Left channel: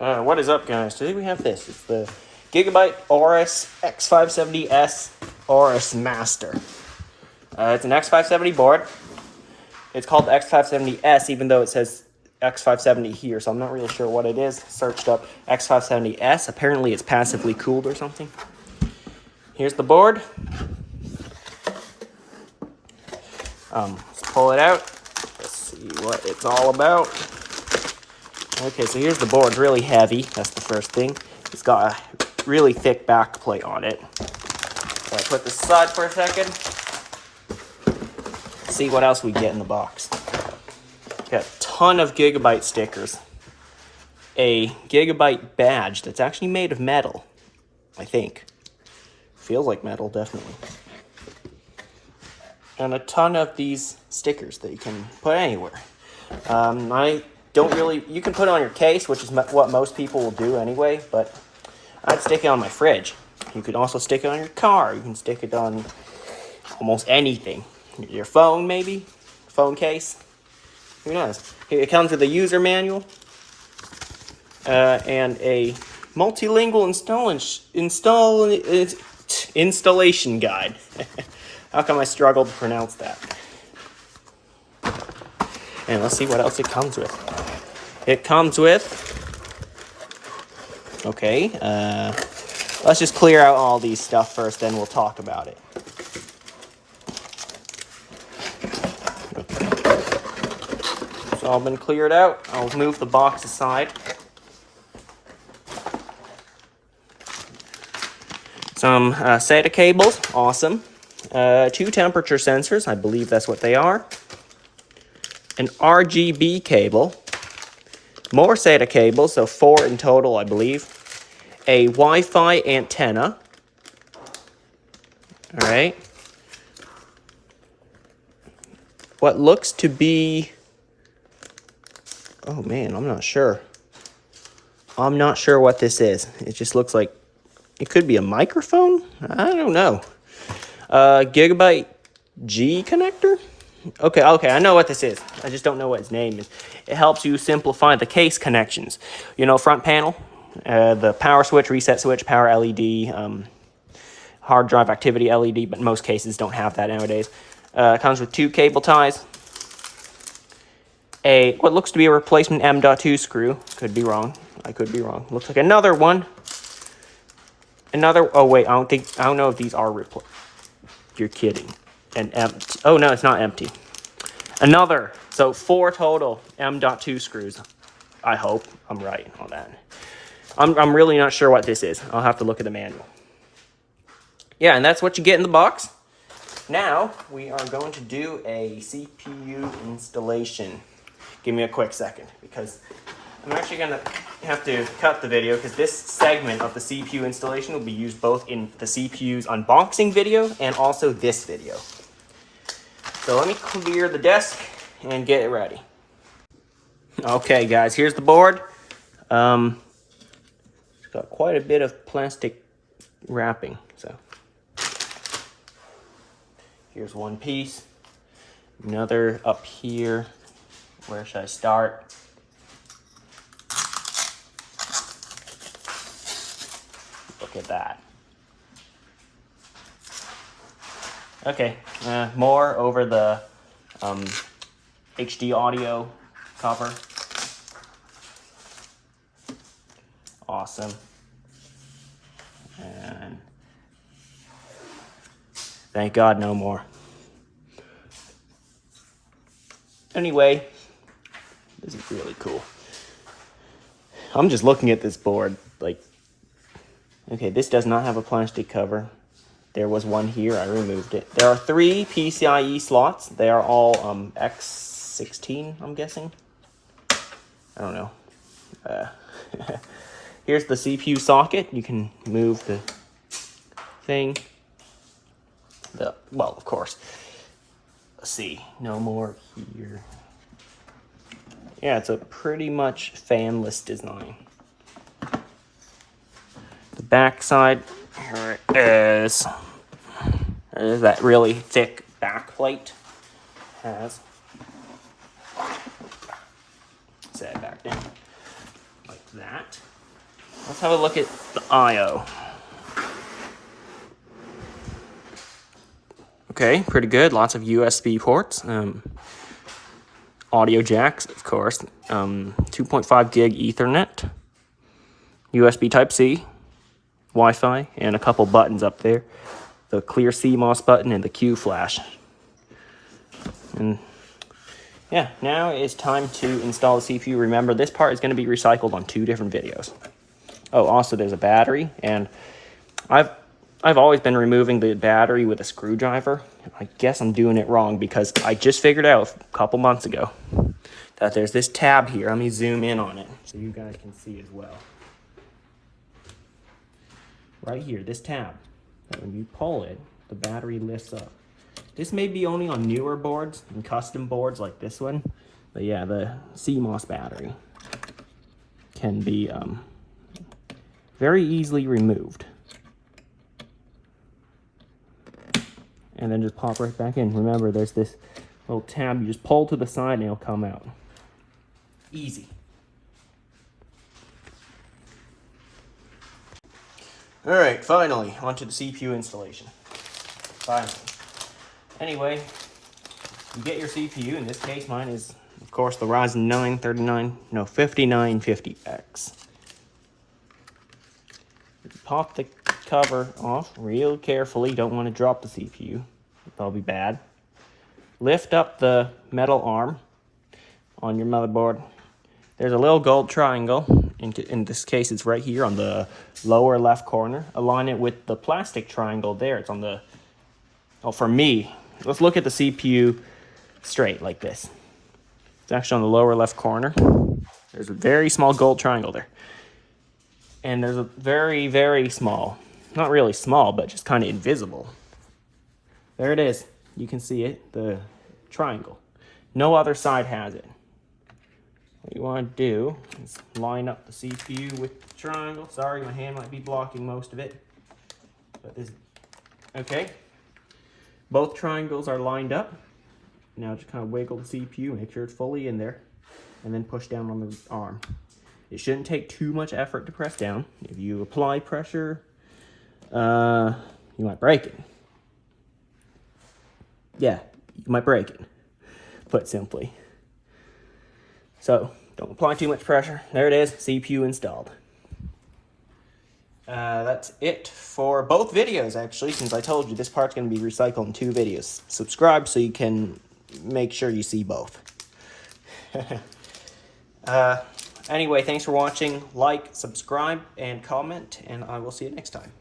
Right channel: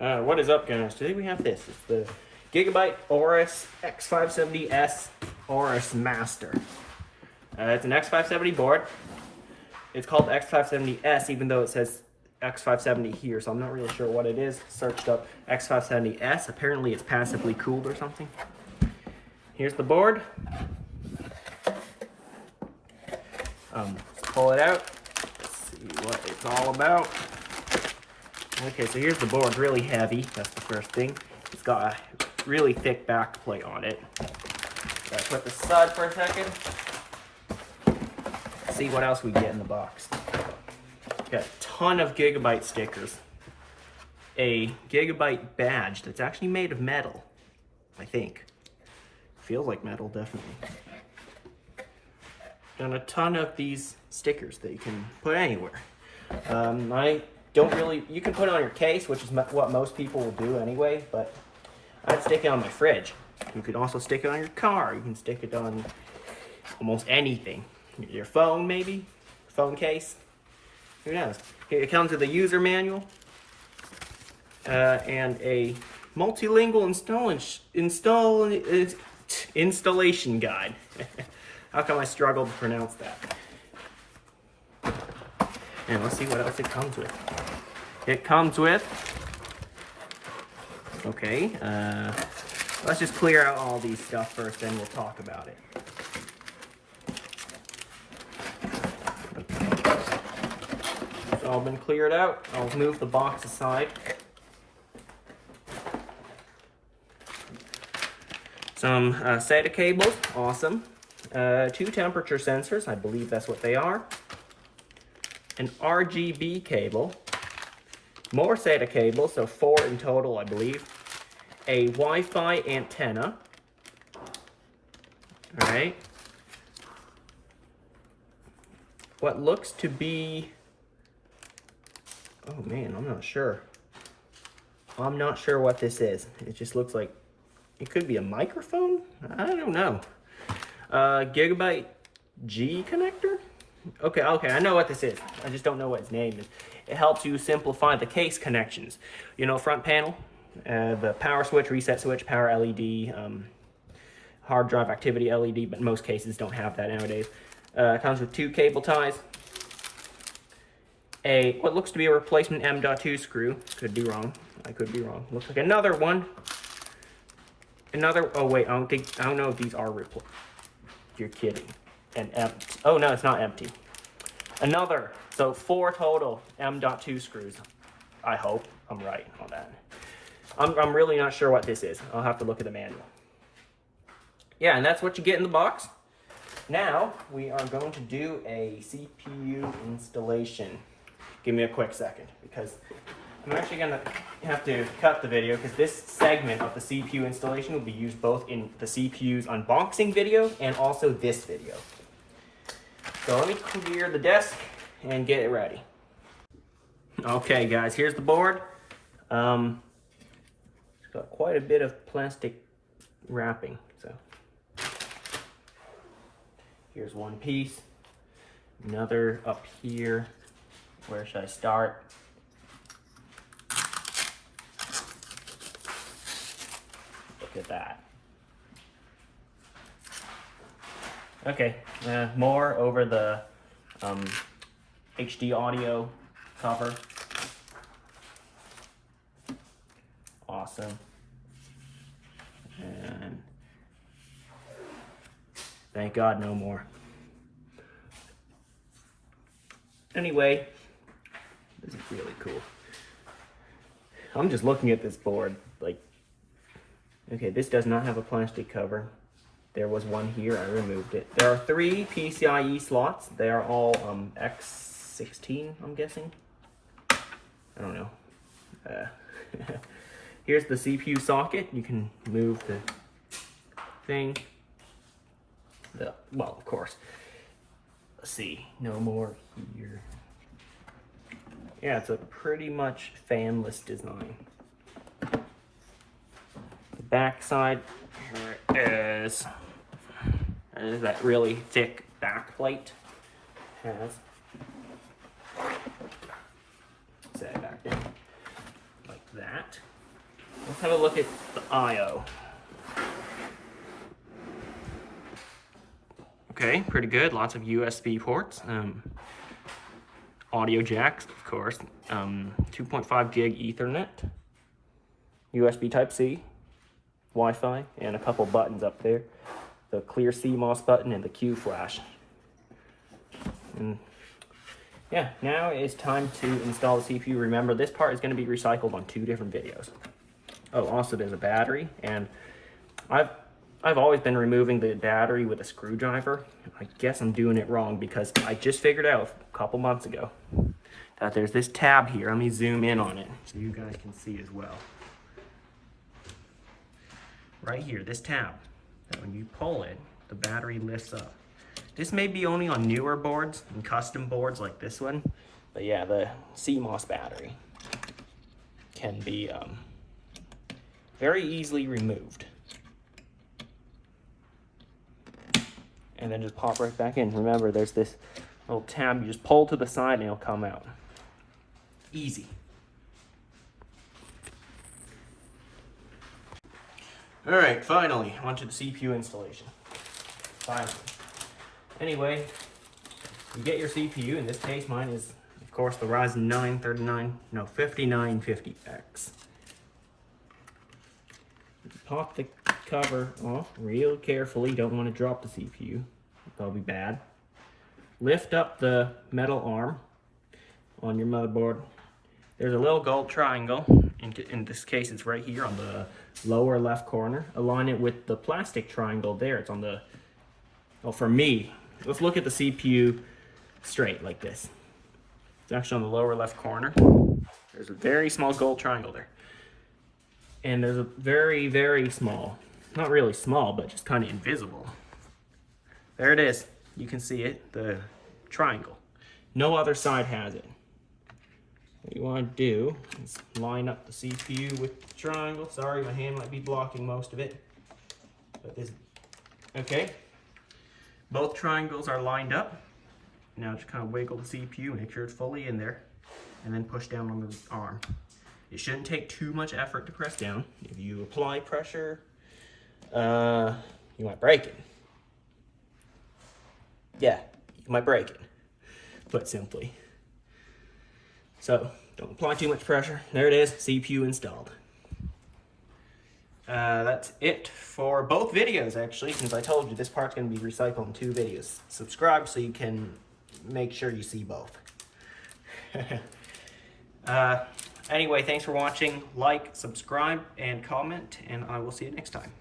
What is up, guys? Today we have this. It's the Gigabyte Aorus X570S Aorus Master. It's an X570 board. It's called the X570S, even though it says X570 here, so I'm not really sure what it is. Searched up X570S. Apparently it's passively cooled or something. Here's the board. Let's pull it out. Let's see what it's all about. Okay, so here's the board. It's really heavy. That's the first thing. It's got a really thick back plate on it. So I put this aside for a second. Let's see what else we get in the box. Got a ton of Gigabyte stickers. A Gigabyte badge that's actually made of metal, I think. Feels like metal, definitely. And a ton of these stickers that you can put anywhere. I don't really, you can put it on your case, which is what most people will do anyway, but I'd stick it on my fridge. You could also stick it on your car. You can stick it on almost anything. Your phone, maybe? Phone case? Who knows? Here it comes with a user manual and a multilingual installation guide. How come I struggled to pronounce that? And let's see what else it comes with. It comes with, okay, let's just clear out all these stuff first, then we'll talk about it. It's all been cleared out. I'll move the box aside. Some SATA cables, awesome. 2 temperature sensors, I believe that's what they are. An RGB cable. More SATA cables, so 4 in total, I believe. A Wi-Fi antenna. All right. What looks to be... Oh, man, I'm not sure. I'm not sure what this is. It just looks like... It could be a microphone? I don't know. Gigabyte G connector? Okay, I know what this is. I just don't know what its name is. It helps you simplify the case connections. You know, front panel, the power switch, reset switch, power LED, hard drive activity LED, but most cases don't have that nowadays. It comes with 2 cable ties, what looks to be a replacement M.2 screw. Could be wrong. I could be wrong. Looks like another one. Oh wait, I don't know if these are replaced. You're kidding. And empty. Oh no, it's not empty. Another. So 4 total M.2 screws. I hope I'm right on that. I'm really not sure what this is. I'll have to look at the manual. Yeah, and that's what you get in the box. Now we are going to do a CPU installation. Give me a quick second, because I'm actually going to have to cut the video, because this segment of the CPU installation will be used both in the CPU's unboxing video and also this video. So let me clear the desk and get it ready. Okay, guys, here's the board. It's got quite a bit of plastic wrapping. So here's one piece. Another up here. Where should I start? Look at that. Okay, more over the HD audio cover. Awesome. And thank God no more. Anyway, this is really cool. I'm just looking at this board like, okay, this does not have a plastic cover. There was one here, I removed it. There are 3 PCIe slots. They are all X16, I'm guessing. I don't know. Here's the CPU socket. You can move the thing. Well, of course. Let's see, no more here. Yeah, it's a pretty much fanless design. The back side, here it is. That really thick back plate has. Set it back down like that. let's have a look at the I/O. Okay, pretty good. Lots of USB ports. Audio jacks, of course. 2.5 gig Ethernet. USB Type-C. Wi-Fi. And a couple buttons up there. The clear CMOS button and the Q flash. And yeah, now it's time to install the CPU. Remember, this part is going to be recycled on 2 different videos. Oh, also there's a battery, and I've always been removing the battery with a screwdriver. I guess I'm doing it wrong because I just figured out a couple months ago that there's this tab here. Let me zoom in on it so you guys can see as well. Right here, this tab. And when you pull it, the battery lifts up. This may be only on newer boards and custom boards like this one. But yeah, the CMOS battery can be very easily removed. And then just pop right back in. Remember, there's this little tab you just pull to the side and it'll come out. Easy. All right, finally, onto the CPU installation. Finally. Anyway, you get your CPU. In this case, mine is, of course, the Ryzen 5950X. Pop the cover off real carefully. Don't want to drop the CPU. That'll be bad. Lift up the metal arm on your motherboard. There's a little gold triangle. In this case, it's right here on the lower left corner. Align it with the plastic triangle there. It's on the, oh, for me, let's look at the CPU straight like this. It's actually on the lower left corner. There's a very small gold triangle there. And there's a very, very small, not really small, but just kind of invisible. There it is. You can see it, the triangle. No other side has it. What you want to do is line up the CPU with the triangle. Sorry, my hand might be blocking most of it. But this, okay. Both triangles are lined up. Now just kind of wiggle the CPU, make sure it's fully in there, and then push down on the arm. It shouldn't take too much effort to press down. If you apply pressure, you might break it. Yeah, you might break it, put simply. So, don't apply too much pressure. There it is, CPU installed. That's it for both videos, actually, since I told you this part's going to be recycled in 2 videos. Subscribe so you can make sure you see both. Anyway, thanks for watching. Like, subscribe, and comment, and I will see you next time.